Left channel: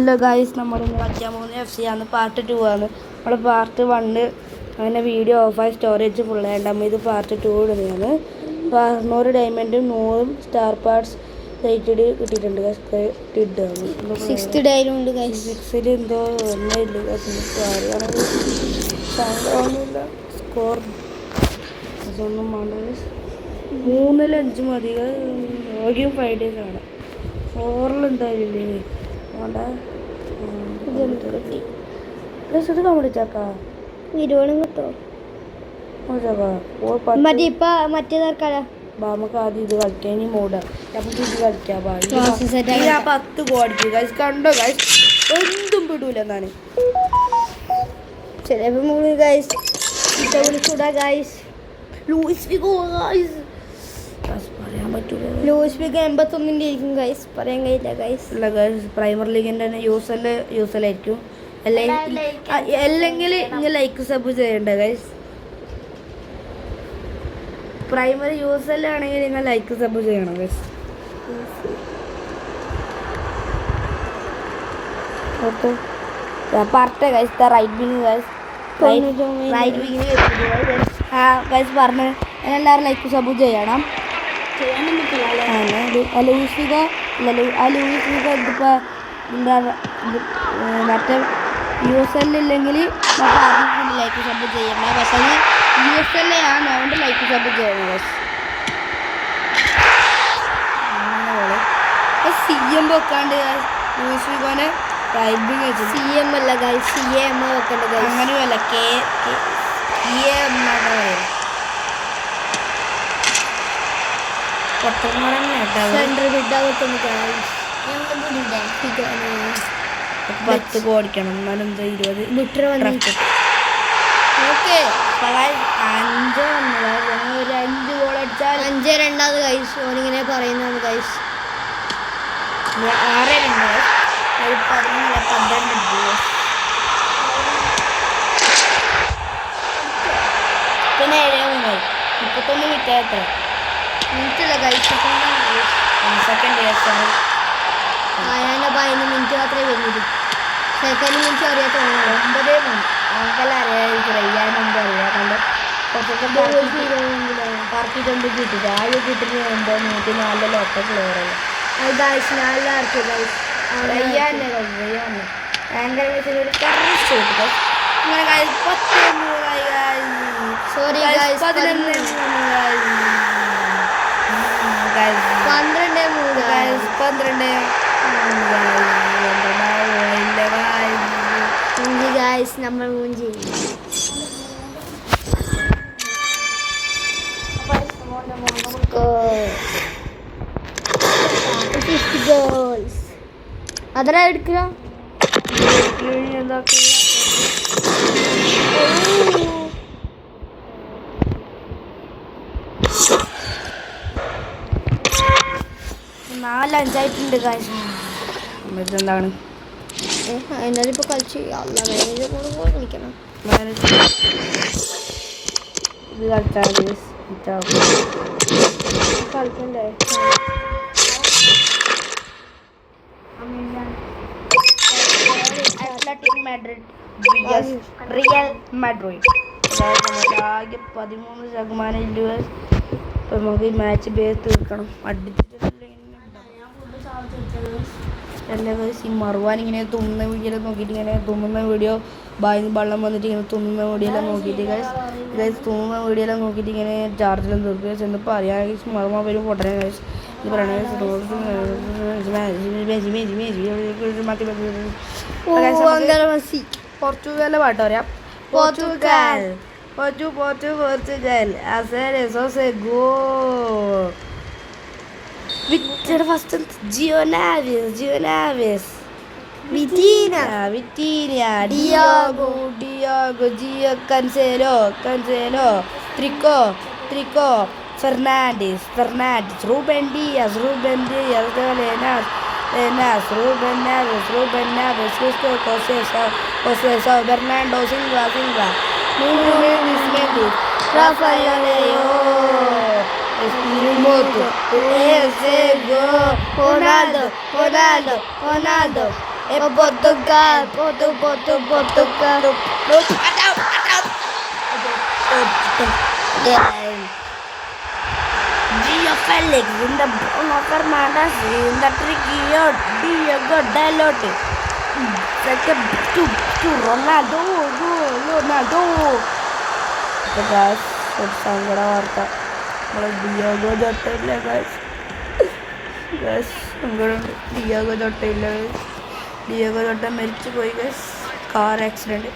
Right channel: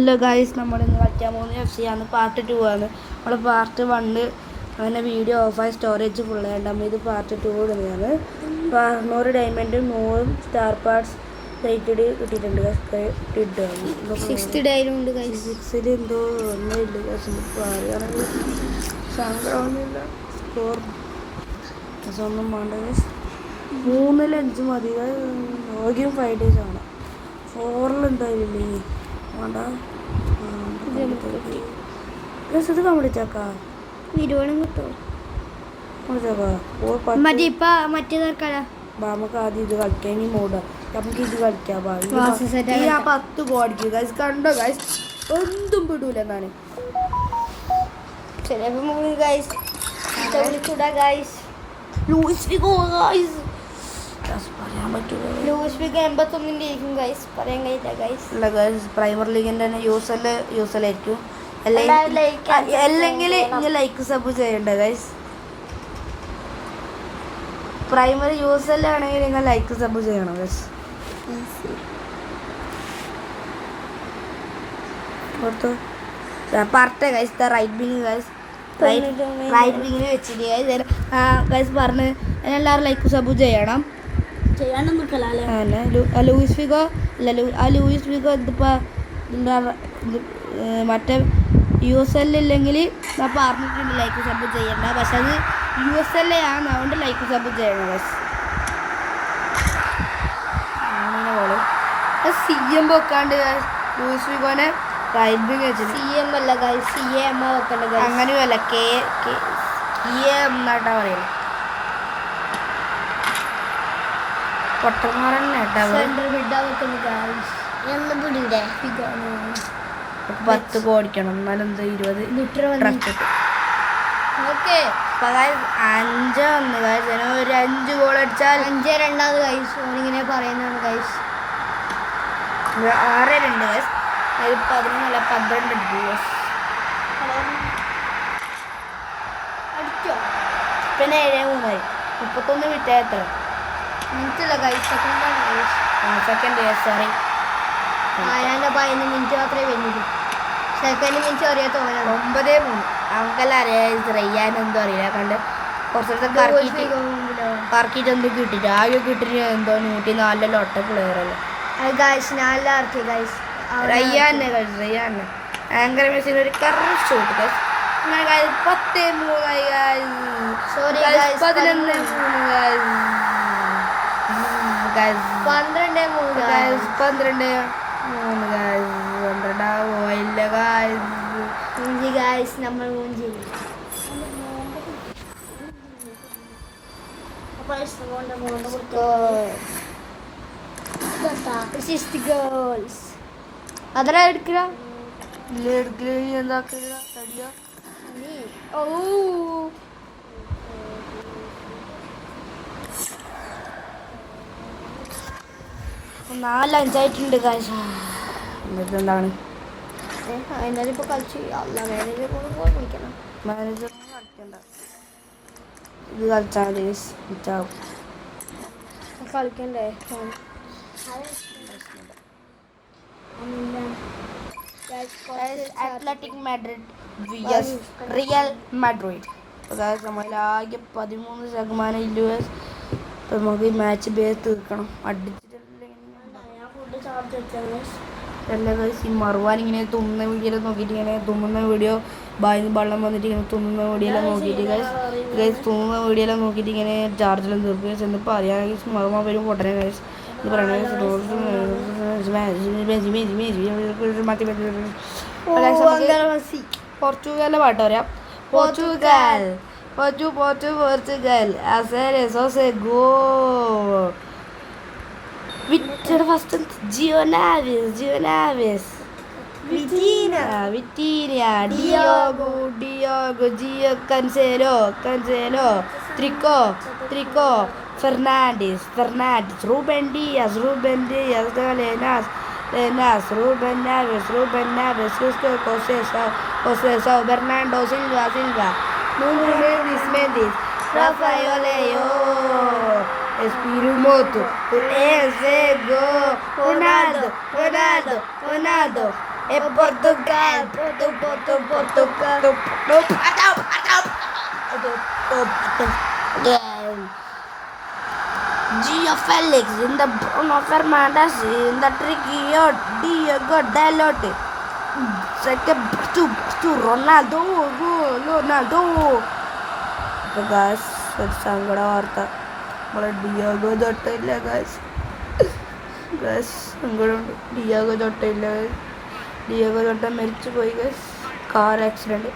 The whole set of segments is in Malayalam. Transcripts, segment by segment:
ഹലോ ഗൈസ്, നമ്മളിന്ന് കളിക്കാൻ പോകുന്ന FC ആണ്. പാർട്ട് 2 ആണ്. നമ്മുടെ പാർട്ട് 1 അങ്ങനെ വീഡിയോ ഓഫായി സ്റ്റോറേജ് ഫുള്ളായിട്ട് നമ്മൾ ഇത് പാർട്ട് 2 ഇടുന്നതാണ്. 100 ഡയമണ്ടും 100 സ്റ്റാർ പാർട്സ് റേറ്റഡ് കിട്ടിയിട്ടുണ്ട്. കിട്ടുകയാണ് 6ൽ എന്തോ ഒന്നുമില്ല. പറയുകയാണെങ്കിൽ സങ്കടമൊന്നുമില്ല. സ്കോർ ഒന്നും വേണ്ട. 3ൽ 5 മതി. യോഗയും 5 days ആണ്. 4ൽ എന്തായാലും വേണ്ട. ഇത് കമ്പിളിച്ചാക്കാ ഇരുവണം കിട്ടോ നമുക്ക് ആദ്യം ഇത് കളിക്കാം. ഇനി മൂടാ നമുക്ക് ഇത് കളിക്കാം. 10 ഗോഡിക്ക് ഗൈസ് കണ്ടോ ഗൈസ്, എന്തും വിടൂല എന്നാണ്. പ്രൈമർ ലീഗിന്റെ യൂസലായിരിക്കും. അല്ലെങ്കിൽ ഇങ്ങനെ ലൈക്ക് സബ് ചെയ്യണ്ട ഗൈസ്. പ്രൈമറി യൂസലാണെങ്കിൽ നിങ്ങൾ ലൈക്ക് സബ് ചെയ്യണം ഗൈസ്. പറഞ്ഞ guys right wing guys, right വിങ്ങിന് വെച്ചിട്ട് ഗൈസ് പറഞ്ഞ് എല്ലാവരും ലൈക്ക് സബ് ചെയ്യണം. ലൂയിസ് ഫിഗോ ഇതിപ്പോൾ മറ്റേ USL ഇല്ലെങ്കിൽ പറഞ്ഞിട്ടുണ്ട് ലൈക്ക് സബ് ചെയ്യണ്ട. പക്ഷേ അത് USL ആണ്, അതുകൊണ്ട് ലൈക്ക് സബ് ചെയ്യണം. CM വെക്കാണ്ട് ലൂയിസ് ഫിഗോനെ റൈറ്റ് വെച്ചു. CM അല്ല ഗൈസ്, CM വെക്കണ്ട. അങ്ങനെയല്ല, KM എന്നാട്ടാ പറയുന്നത്. പൊട്ടന്മാരല്ലേ 10 ഓടിക്കണം. എന്നാലും എന്താ 20 ലിറ്റർ 5 ഒരു 5 ഗോൾ അടിച്ചാൽ 5-2 ഗൈസ്. ഓനിങ്ങനെ പറയുന്നതാണ് ഗൈസ്. 6-2 ഗൈസ്. 12 പിന്നെ 7-3 31 മിനിറ്റ് എത്ര മിനിറ്റുള്ള ഗൈസ്, സെക്കൻഡ് സോറി. അതിൻ്റെ 15 മിനിറ്റ് മാത്രമേ വരുന്നുള്ളൂ. സെക്കൻഡ് മിനിറ്റ് അറിയാൻ തോന്നുന്നു. 9-3 നമുക്കെല്ലാം അറിയാമായിരിക്കും. റയ്യാനൊന്നും അറിയാം. കണ്ട് കുറച്ചൊക്കെ പറക്കിയിട്ടൊന്നും കിട്ടിയിട്ട് ആകെ കിട്ടിയിട്ട് എന്തോ 104 ഒറ്റ പ്ലെയറല്ല. റയ്യാനെ ഭയങ്കര മെസ്സിന് ഒരു കറസ്റ്റ് കിട്ടും. 11-3 നമ്മൾ മൂന്ന് ചെയ്യും. അതെല്ലാം എടുക്കുക. നാല് 5 കാശ്. എന്താണ് എന്നാലും ഇപ്പോൾ കളിച്ച് കളിക്കണം. ഇത് കളിച്ചാൽ കളിക്കണ്ടേ? Athletic Madrid Real Madrid. ആകെ 13% US. നമുക്ക് ഈ മാച്ച് ബേസ് തീർക്കണം. അല്ല ഗൈസ്, ഈ മറുവാൻ ഇങ്ങനെ തുമ്മുന്ന വീഡിയോ നോക്കിയിട്ട് ഇങ്ങനെ തുമ്മുന്ന വീഡിയോ ബായിന്ന് വെള്ളം വന്നിട്ട് ഇങ്ങനെ തുമ്മുന്ന വീഡിയോയെല്ലാം നോക്കിയിട്ട് ഗൈസ് തുമ്മുന്ന വീഡിയോയെല്ലാം നോക്കിയിട്ട് ഇങ്ങനെ ചാർജെല്ലാം തീർക്കുക. ചെന്നപ്പോൾ അറിയാൻ ഗൈസ് മറുവാൻ വരും പൊട്ടനെ ഗൈസ്. ഇത് പറയണ പോർച്ചുഗലിലെ പാട്ട് പറയാം. Portugal first João Neves Vitinha, Diogo, Gio, Cancelo, Trico, Fernandes, Ruben Dias, Lenas, Ruben Neves, José, Bernardo Silva, Nuno Mendes, Rafael Leo, Espírito Moto, esse gol, Ronaldo. Portugal, Portugal. Gio Felix in the Bruno Fernandes in the Triguillo Diego Dalot. Second to Ronaldo. Guys, സങ്കട വാർത്ത നമ്മളെ ഡിയാഗോ ജോട്ടയില്ല ഗസ് സങ്കടമുണ്ട്. ഡിയാഗോ ജോട്ടയില്ല. ഡിയാഗോ ജോട്ട മരിച്ചു പോയി ഗസ്. കാർ ആക്സിഡൻറ്റ്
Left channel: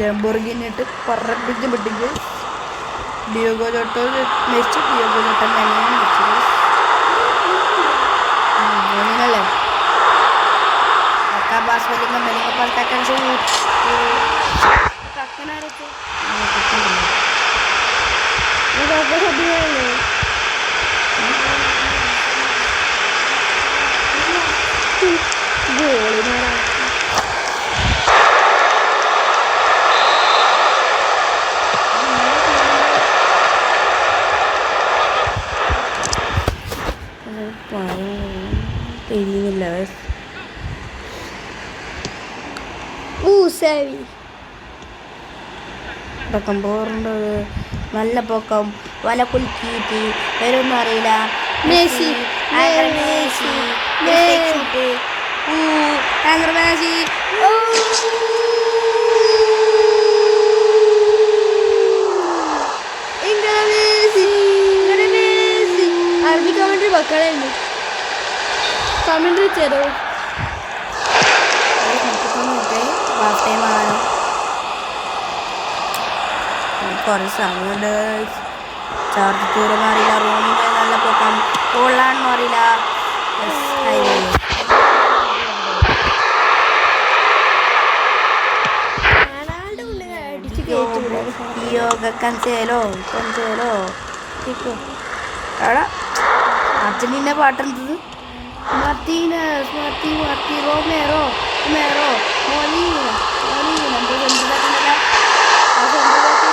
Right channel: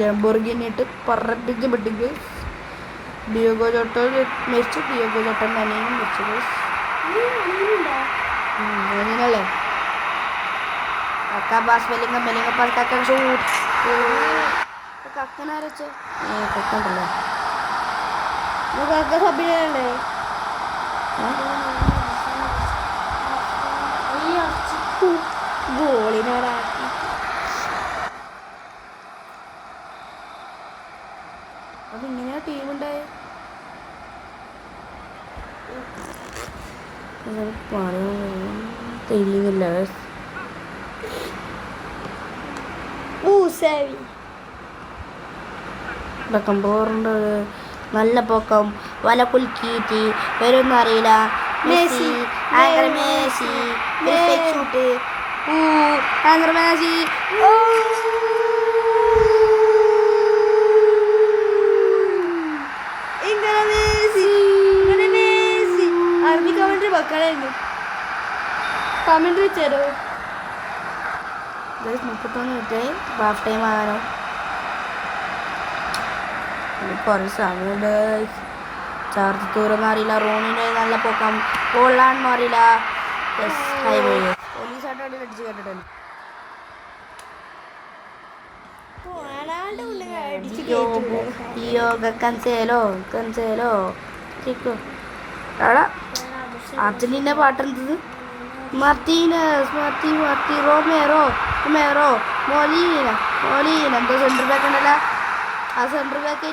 ലംബോർഗിനിട്ട് പറപ്പിച്ച് വിട്ടിക്ക്. ഡിയാഗോ ജോട്ട മരിച്ചു. ഡിയാഗോ ജോട്ട അനിയനും മരിച്ചു ഗസ്. അങ്ങനല്ലേ Acabas melinga pas kakak shoot. Kakak naruto. Kakak dulu. Ini kakak sabihin Gol ini orang. Ini guys. Sevi. Bakambor നല്ല പൊക്കം വല കുലുക്കിയിട്ട് വരുമെന്ന് അറിയില്ല. Messi anchor Messi anchor Messi comment ചെയ്തോ. ഹാഫ് ടൈം ആകാനോ കുറേ സമയമുണ്ട്. ചാർജ് തീർന്ന് അറിയില്ല. റൂമിൻ്റെ നല്ല പൊക്കം കൊള്ളാണെന്ന് അറിയില്ല. ഹൈവേ കൻസേലോ എടാ അർജന്റീന പാട്ടെടുത്തത് മത്തി റോമേറോ മോലീന എന്തോ സെൻറ്റർ ബാക്ക് ഉണ്ടല്ലോ. ആ സെൻറ്റർ ബാക്ക്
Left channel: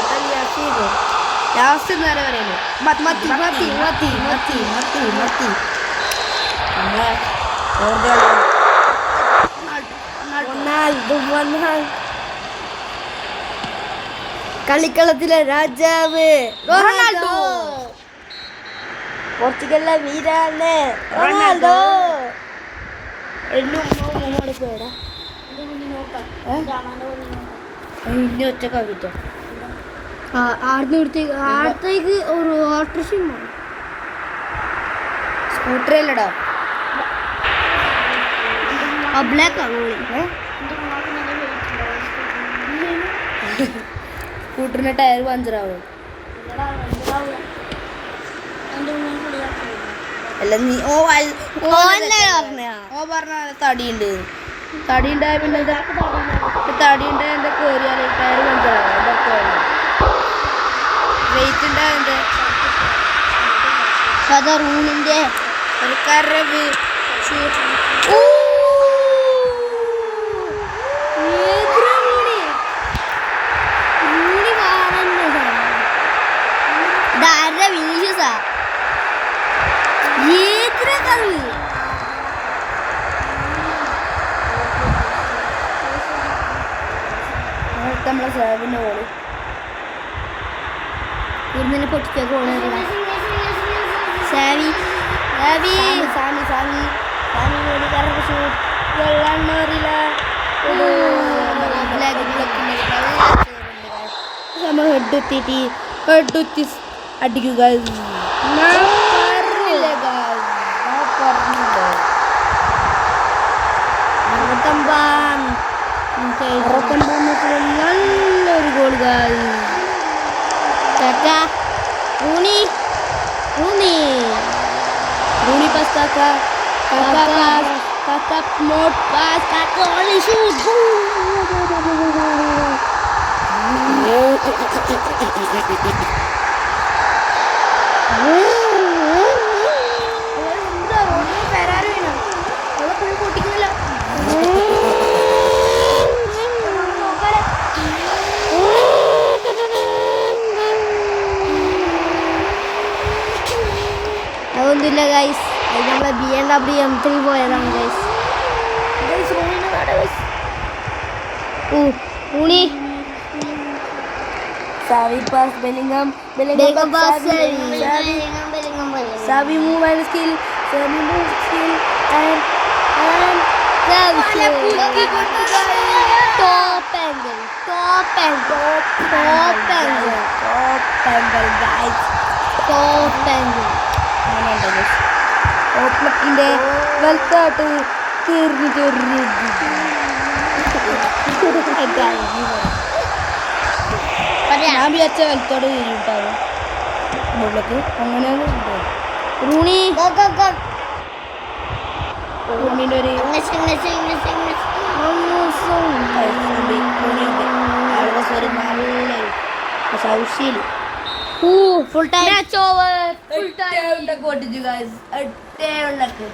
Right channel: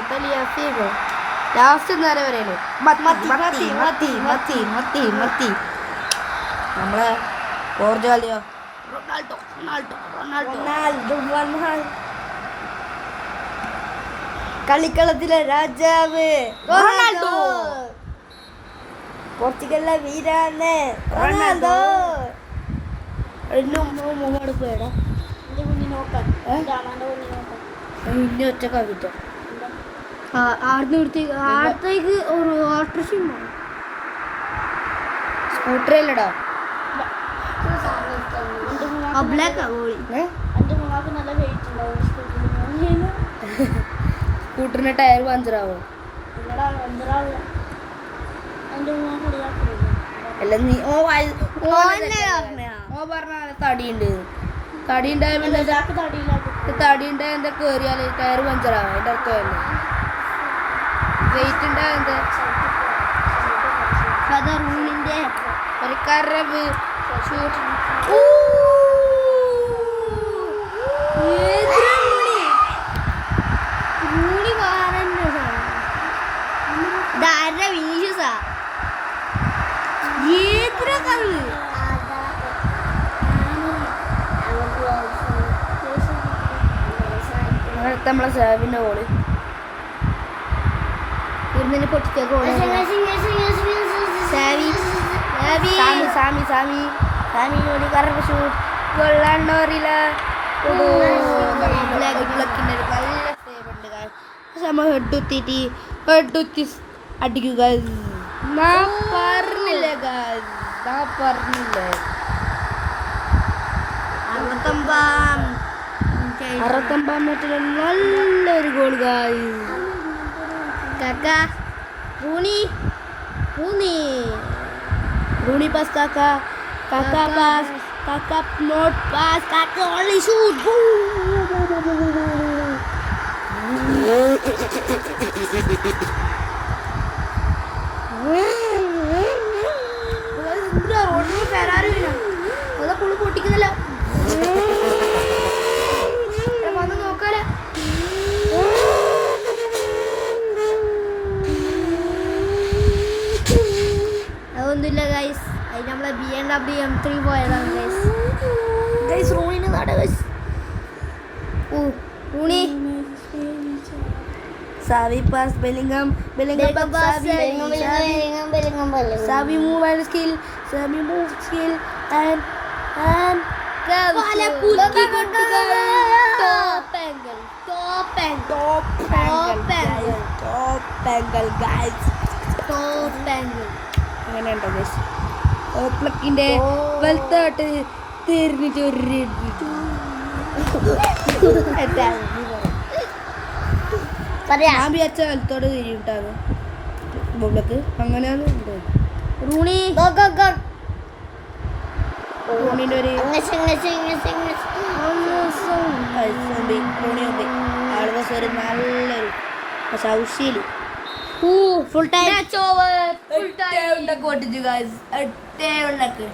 തലിയാഫീഗോ ലാസ്റ്റ് നേരെ പറയല്ലേ മത്തി നമ്മളെ പോർച്ചുഗൽ കളിക്കളത്തിലെ രാജാവ് റൊണാൾഡോ. പോർച്ചുഗലിലെ വീരാണ് റൊണാൾഡോ. പോയടാ ഇനി ഒറ്റ കവിത അടുത്തേക്ക് ഒരു ഓട്ടോറിക്ഷ സ്കൂട്ടറല്ലടാ സ്കൂട്ടറിന്റെ ടയർ പഞ്ചറാവോ? അല്ല നീ പറഞ്ഞ തടിയുണ്ടായ പിന്നെ തടിയുണ്ടായ എന്താ കയറിയാല് ടയർ പഞ്ചറാവാ. ഇതൊക്കെ വെയിറ്റ് ഉണ്ടായ റൂളിന്റെ ഒരു കരവ് നമ്മളെ സാബിന്റെ ഗോള് ഇവിടുന്ന് പൊട്ടിച്ച ഗോള് സാമി ഗോളി കറക്റ്റ് ഷൂട്ട് കൊള്ളാണ്ടോറില്ല നമ്മൾ ഹെഡുത്തി അടിക്കുക. പറഞ്ഞില്ല 69 മീറ്റർ നല്ലൊരു ഗോൾ റൂണി പാസ് കാക്ക നോട്ട് പാസ് കാക്ക ഓൺലി ഷൂട്ട് റോഡിൽ കയറാൻ വേണം ഫുൾ പൊട്ടിക്കുന്നില്ല. നോക്കാലോ ഒന്നുമില്ല ഗൈസ്. അത് നമ്മളെ BMW M3 പോയതാണ് guys. ഊണി Savi pass Bellingham pass Savi move and skill and top angle guys. അങ്ങനെയുണ്ട് guys. ഓപ്ലക്കിന്റെ വലത്തോട്ട് തീർന്നിട്ട് ഞാൻ വിചാരിച്ച വലത്തോട് തിരിട്ടാണ് മുകളിലേക്ക് അങ്ങനെയാണ് റൂണി റൂണിന്റെ ഒരു ഒരു നല്ലൊരു സൗശീല് ഫുൾ ടൈം കൊട്ടിച്ചു ഗൈസ് എട്ടേ ഉണ്ടാക്ക്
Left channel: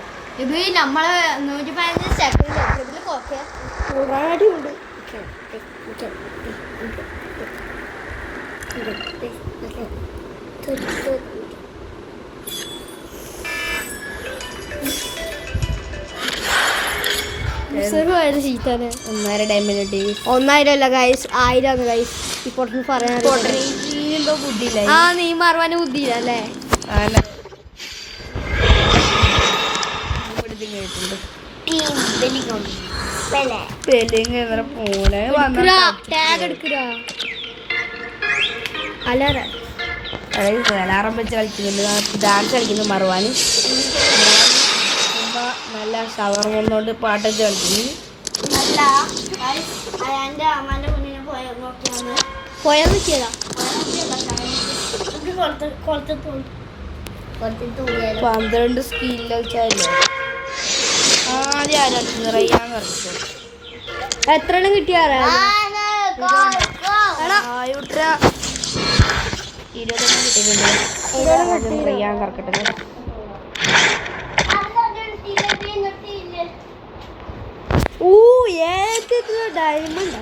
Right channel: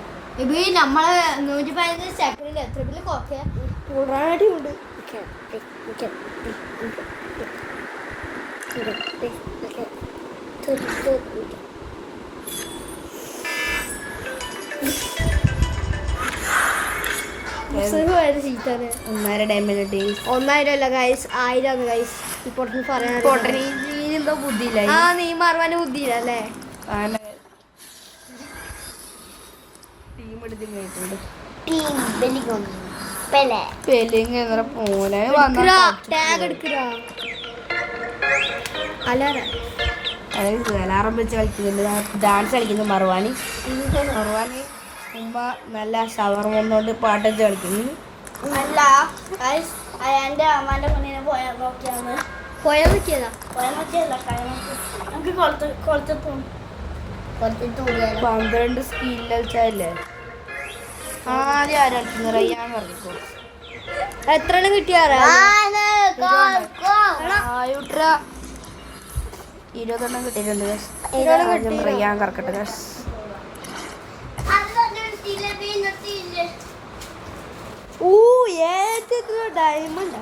ഇത് നമ്മളെ 115 സെക്കൻഡ് എത്രത്തിൽ കോക്കെ ഉണ്ട് ചീറ്റാണ് 1.5 ഡയമണ്ട് 1,000 അല്ല ഗൈസ് 1000 ഗൈസ് ഇപ്പോൾ പറയാൻ എന്തോ ബുദ്ധിയില്ല ആ നീ മാറുവാൻ ബുദ്ധിയില്ല അല്ലേ പോനെ അലാറം വെച്ച് കളിക്കുന്നുണ്ട് ഡാൻസ് കളിക്കുന്നു മറുവാന് നല്ല ഷവർ വന്നുകൊണ്ട് പാട്ടൊക്കെ കളിക്കുന്നു അയാന്റെ അമ്മാന്റെ മുന്നിനെ പോയാ നോക്കിയതാ 12 സ്കിൽ കളിച്ചല്ലേ ആദ്യം ആരാ റയ്യാന്ന് പറഞ്ഞു എത്ര എണ്ണം കിട്ടിയാറാ 20 കിട്ടിയിട്ടുണ്ട് റയ്യാൻ കറക്കട്ടെ ഡയമണ്ട്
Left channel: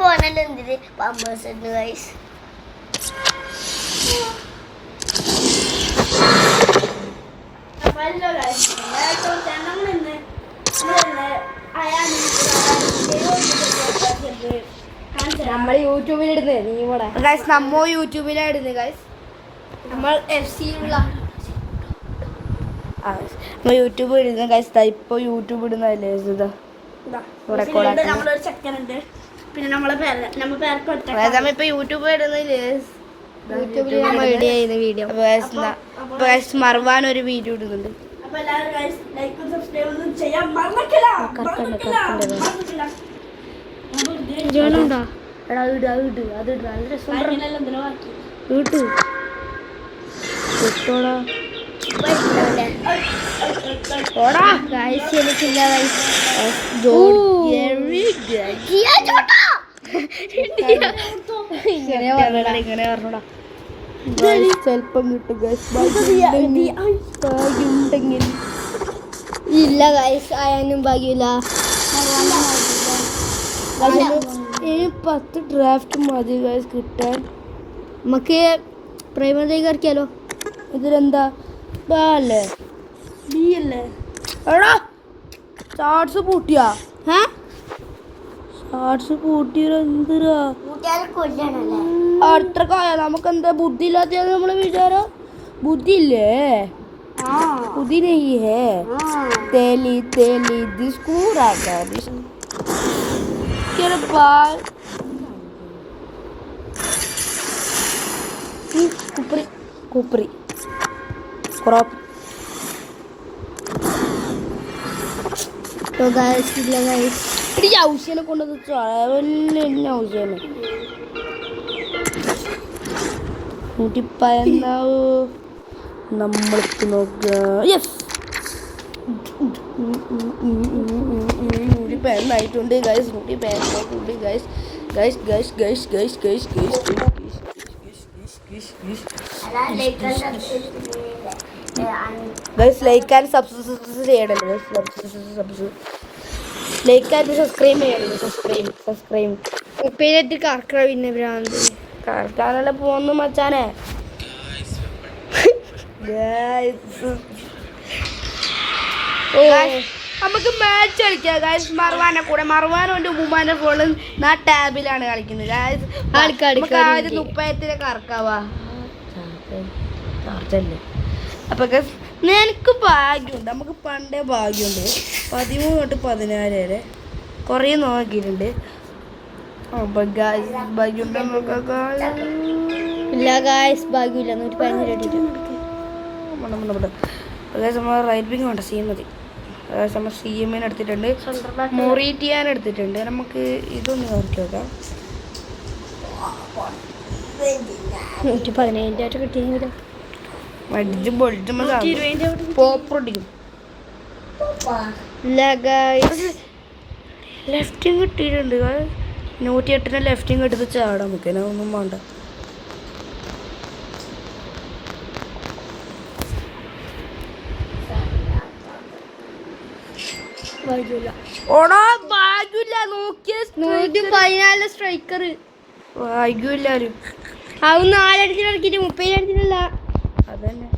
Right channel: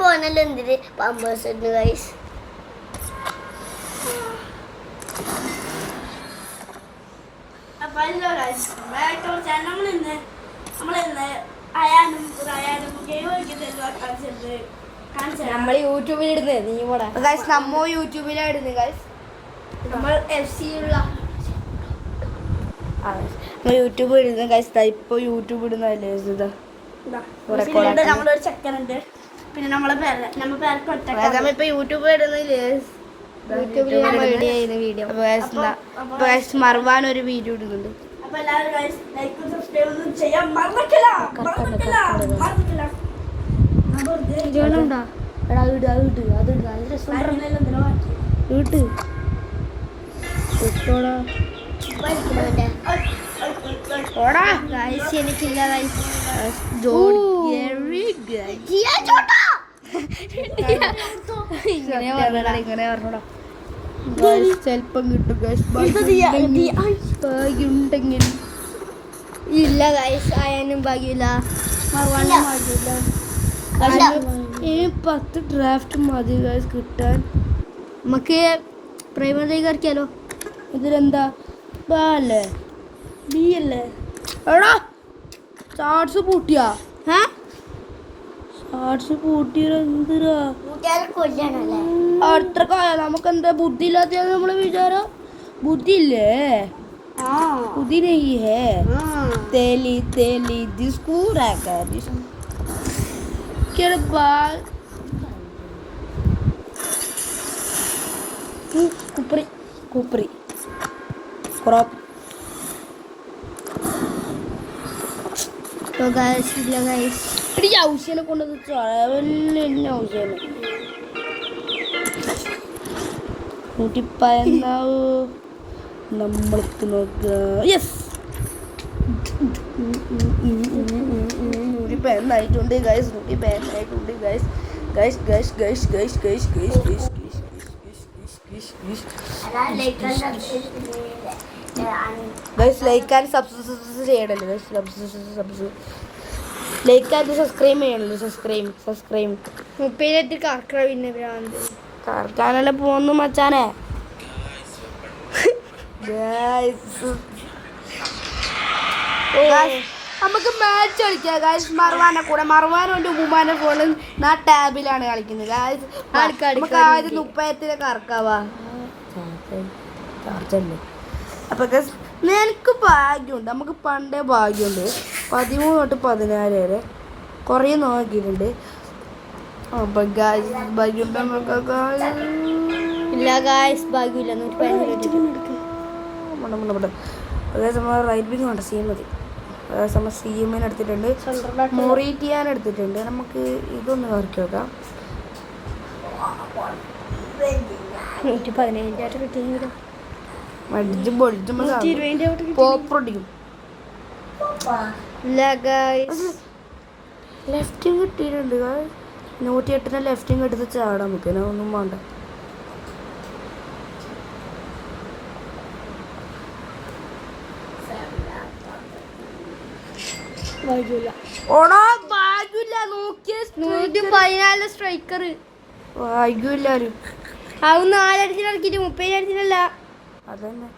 പോണല്ലോ എന്തിന് പമ്പേഴ്സ് ഗൈസ് നമ്മൾ യൂട്യൂബിലിടുന്നേ നീ കൂടെ ഗൈസ് നമ്മ യൂട്യൂബിലായിരുന്നു ഗൈസ് നമ്മൾ FC ഉള്ള യൂട്യൂബ് ഇടുന്നു ഗൈസ് ഇപ്പൊ യൂട്യൂബ് ഇടുന്നതല്ലേ നമ്മളൊരു സെക്കൻഡ് പിന്നെ നമ്മളിപ്പോ യൂട്യൂബ് ഇടുന്നില്ലേ യൂട്യൂബിൽ വീഡിയോ മറവാൻ ഒരു വീഡിയോ ഇടുന്നുണ്ട് ഇങ്ങനെ പറഞ്ഞോടാ ചെലപ്പം കിട്ടും ഭാഗ്യമുണ്ടെങ്കിൽ ഇല്ല ഗൈസ് ആയാലും ഭാഗ്യമില്ല 10 ഡ്രാഫ്റ്റ് മതി ഗൈസ് കിട്ടാൻ നമുക്ക് പ്രൈമറി കളിക്കാലോ ഇതിലെന്താ അല്ലേ ബി അല്ലേ എടാ ചാർട്സ് പൂട്ടിയാ ചാർട്സ് പൂട്ടിയ എന്തിരാ അത്ര കായ നമുക്ക് എന്താ ബുദ്ധി ഇല്ലാത്ത നമ്മളെ വിചാരം ബുദ്ധി ഇല്ലേ ബുദ്ധി നെയ്യ് ഹേ തേലി തേലി ദിസ്കൂറാക്കാ കുപ്പറി കുപ്പറി ക്രോപ്പ് ഔഷനെ കൊണ്ടത് ഔഷനെ കൂട്ടിപ്പയന്നാവ് നമ്മൾക്ക് നോക്കുക യെസ് നൂറ്റിപ്പയന്നായിട്ടുണ്ട് ഗൈസ് നൂറ്റിപ്പയന്നായിട്ടുണ്ട് guys guys guys guys guys guys guys guys guys like and subscribe ചെയ്യണല്ലോ ലൈക്ക് ആൻഡ് സബ്സ്ക്രൈബ് ചെയ്യണല്ലോ സബ്സ്ക്രൈബ് ഉപ്പേരിട്ട് കറക്ക പിന്നെ ഭ്രാന്ത് കറക്കാനല്ലേ പോന്നു മച്ചാനെ. നമുക്ക് മാച്ച് കളിക്കാം ഗായ്സ്. മർവാനെ കൂടെ മർവാനും എൻ്റെ ഉമ്മാൻ്റെ ഫോണിൽ ടാബിലാണ് കളിക്കുന്നത് ഗായ്സ്. നമുക്ക് ആദ്യം 30 കറക്കാവാ ചാർജല്ലേ. അപ്പൊ ഗായ്സ് നിനക്ക് ഭാഗ്യമുണ്ട്, നമുക്ക് പണ്ടേ ഭാഗ്യമുണ്ട്. 13 തൊട്ട് 14 വരെ കുറേ നോക്കിയിട്ടുണ്ട്. അപ്പൊ ഗായ്സ് ഭാഗ്യമുണ്ട് നമുക്ക്. ഇല്ല ഗായ്സ് ഭാഗ്യമില്ല. 114 നമ്മൾ റൈറ്റ് വിങ് വേണ്ട, സി മതി. നമ്മൾ സി എമ്മിന് എടുത്തിട്ടുണ്ട്, മൊറീറ്റിയാൻ എടുത്തിട്ടുണ്ട്. നമുക്ക് ഇതൊന്ന് നോക്കി നോക്കാം. 117 കിട്ടിയത് അടിച്ച് പൊളിച്ച് പോപ്പടിക്കും. ലെഫ്റ്റിങ് കിട്ടിയിട്ടുണ്ട്. 108 ലെഫ്റ്റിങ് എടുത്ത് ചാടാം നമുക്ക്. ഒന്നും വേണ്ട. ഓടാ ഭാഗ്യമില്ല. നോക്കിയ 114 സ്ട്രൈക്കർ ഭാഗ്യമില്ലാരും അത് 4 അടിച്ചിട്ട് ഇറക്കിട്ട് 30 അടിച്ചിട്ടല്ല. അതന്നെ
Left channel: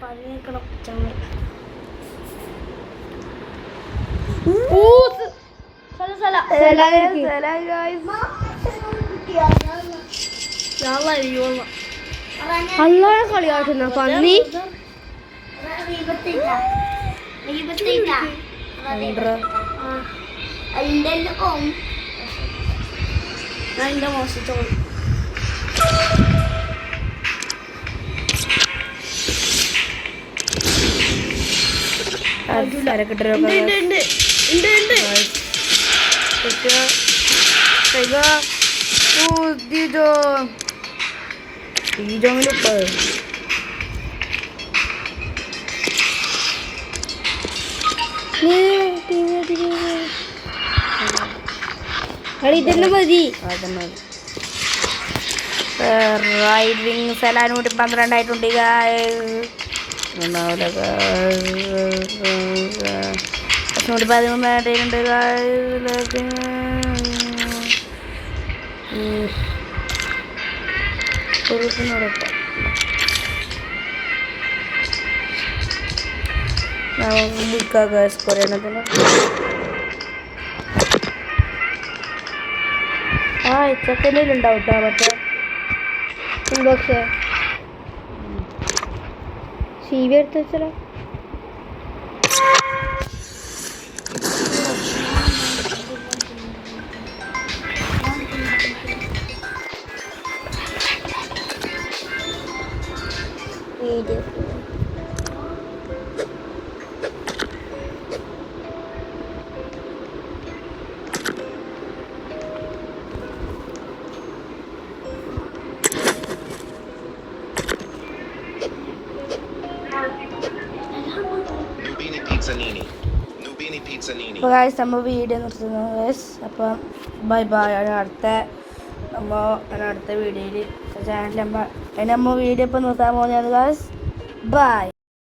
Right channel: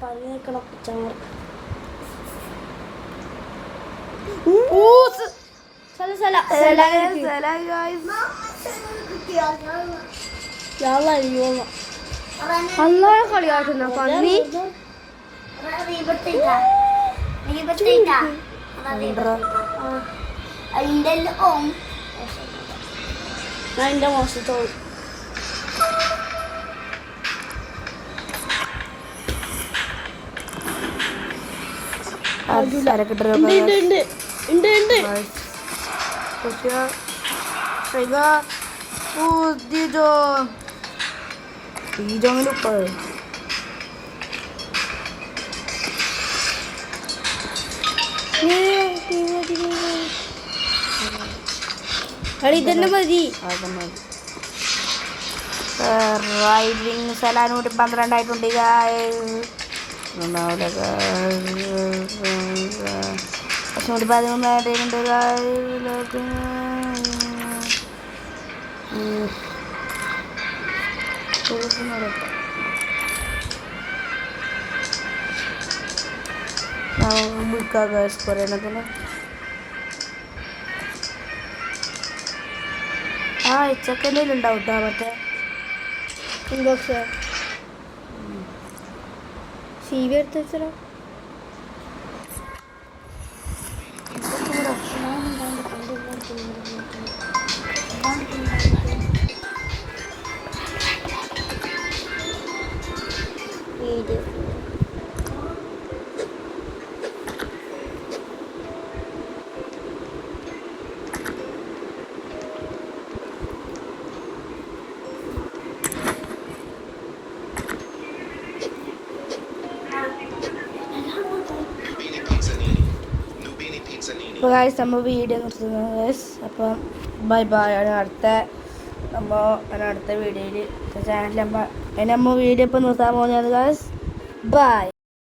പണിയേക്കണം. അല്ലാ കളിയാട്ടുന്ന പന്നി. അതിന്റെ മോശത്തോളം ഇതന്നെ മതി. റൈറ്റ് വിങ് സെലാനൂട്ടി 12 ആയിട്ടുണ്ട്. 13 ആയിട്ടുണ്ട്. കുറേണത്തിന് സെക്കൻഡിലുണ്ടാവും കേട്ടോ. മറ്റേ ഇൻബോക്സ് സി വി എടുത്ത് വെച്ചല്ലോ. അപ്പോൾ ഗായ്സ് നമ്മൾ വീഡിയോ നിർത്തുന്നു ഗായ്സ്. അപ്പം ബൈ ബൈ. അടുത്ത വീഡിയോയിൽ ചാനൽ നമ്മൾ വീഡിയോ ഇപ്പം നിർത്താൻ പോകുന്നത് ഗായ്സ്. ബൈ.